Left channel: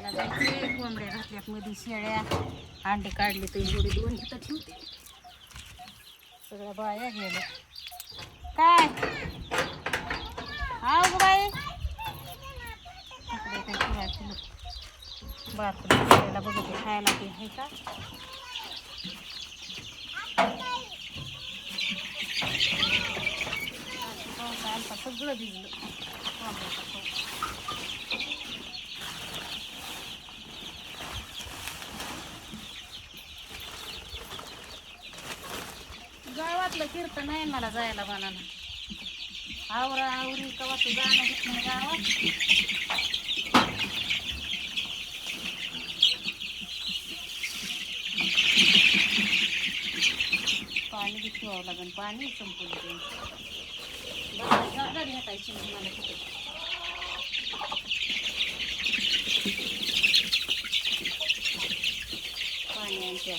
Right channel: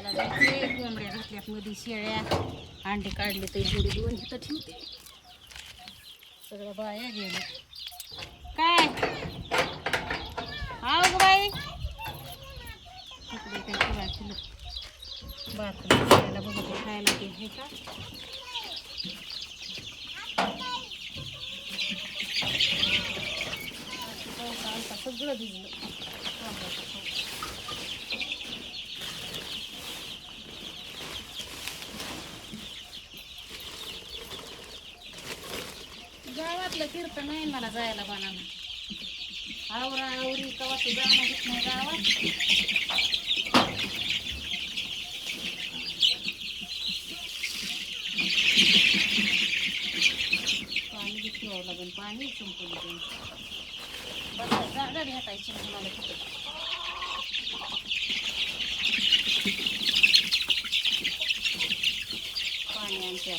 त्याला जायचे कोंबड्या घातल्यात मध्ये शेळ्या अंडे काढले तर बुडी दोन इथं ठेवते. सगळ्या बाया गेल्या. काय? हा ग बाई. तिकडे काय फिरायला फुलं खायला बघते खायला ते आहे का? सगळं दिलं कुठलं कीर्तन नाही मला जायला बनाना. आवरा आवरी कवा तू जाणं घेत नाही गावात? पाणी बी ठेवावं लागेल पाणी संपवलं ते गाडी हातायची मला कुठे पाणी आणते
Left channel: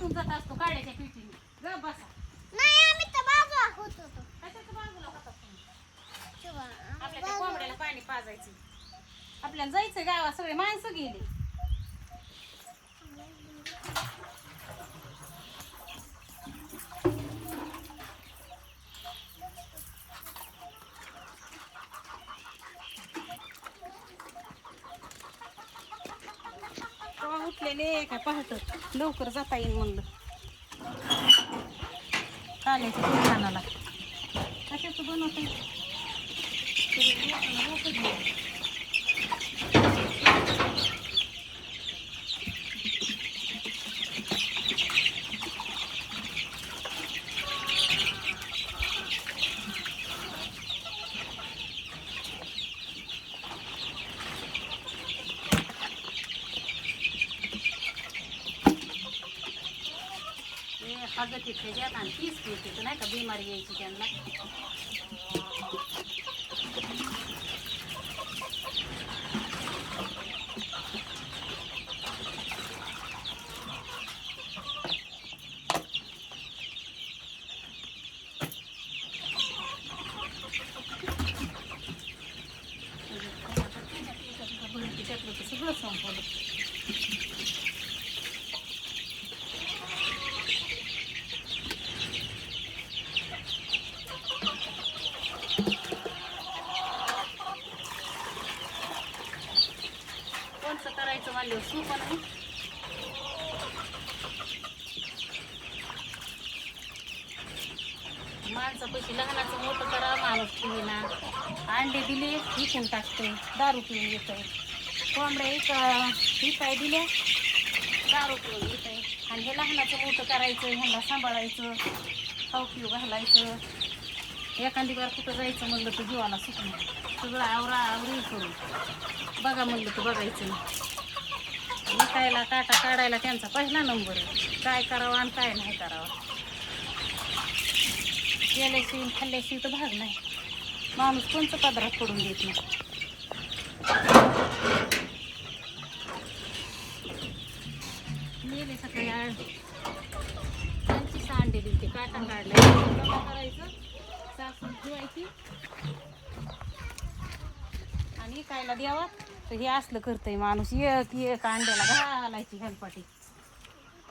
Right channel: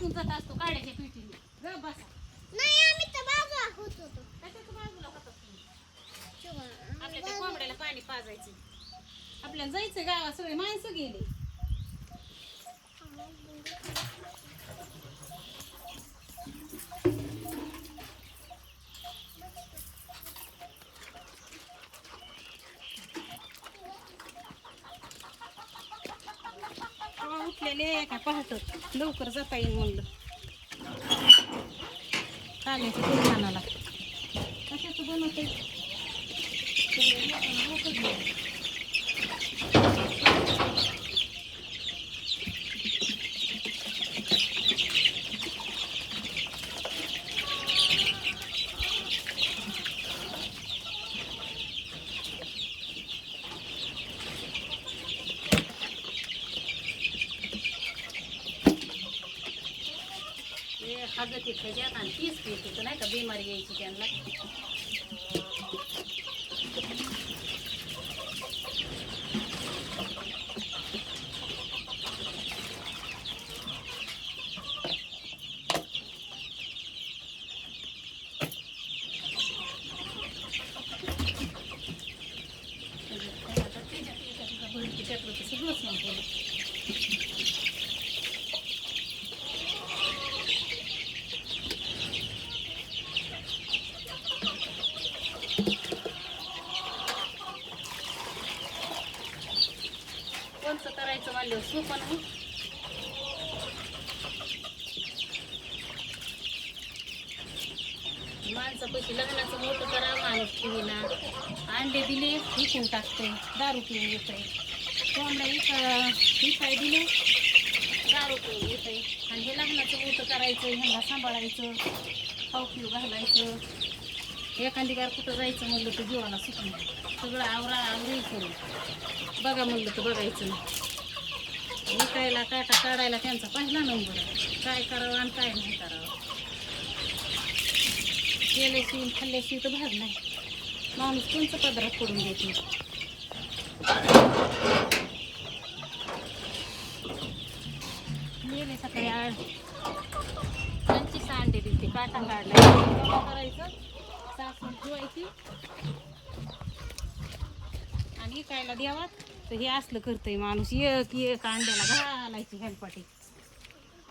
हात कुठून जात असतो काड्याच्या पिठीने ग बसा. कशाच्या बाजूला होता तुम्ही आपल्या त्या कोंबड्याला पाणी पाजायचं आपल्याला जायचं गावात सगळे माणसं गेली. राहिले का? काय पाहत. लवकर जाता येईल म्हणलं. काल्याच्या दुकानाला. कशाचं बनवत हागत येते त्यात आणि तीच पिते तर नाही का बिमारी यायची त्यांना सगळं संपवलं कोणतं करायचं म्हणलं सोपं नाही माणसापाशी लहानाचं मोठं करा माणूस पिना अंडे दिले विकून टाकते. दारू पिऊन येतंय. कोंबड्या एक विकाय दिल्या दारू पिऊन आहे आणि हे लहानाचं मोठं करायचं ह्यांना सांभाळायचं खाऊ पिऊ घालायचं. एखादी बार कुठं जायचं म्हणलं तर जीवाला सुटून सगळं आवरा आवरी करून. बघा म्हणलं तर बघायचं नाही. विकायला काटा काढायला त्यांचा पहिला नंबर आहे. काय करावं आणि काय नाही करावं. गेल्याशी खाल्ल्याशी तर भाग नाही. माणूस कोणचं पदरात पडून देत नाही. गेले सकाळी आळ त्यांची सांडे दिली काटा काढला. करायचं? सासून ठेवायची आणि कायला द्यावा तर हे असलं करतंय माणूस. एक एक अंड्याला घालायची हेलपाटी.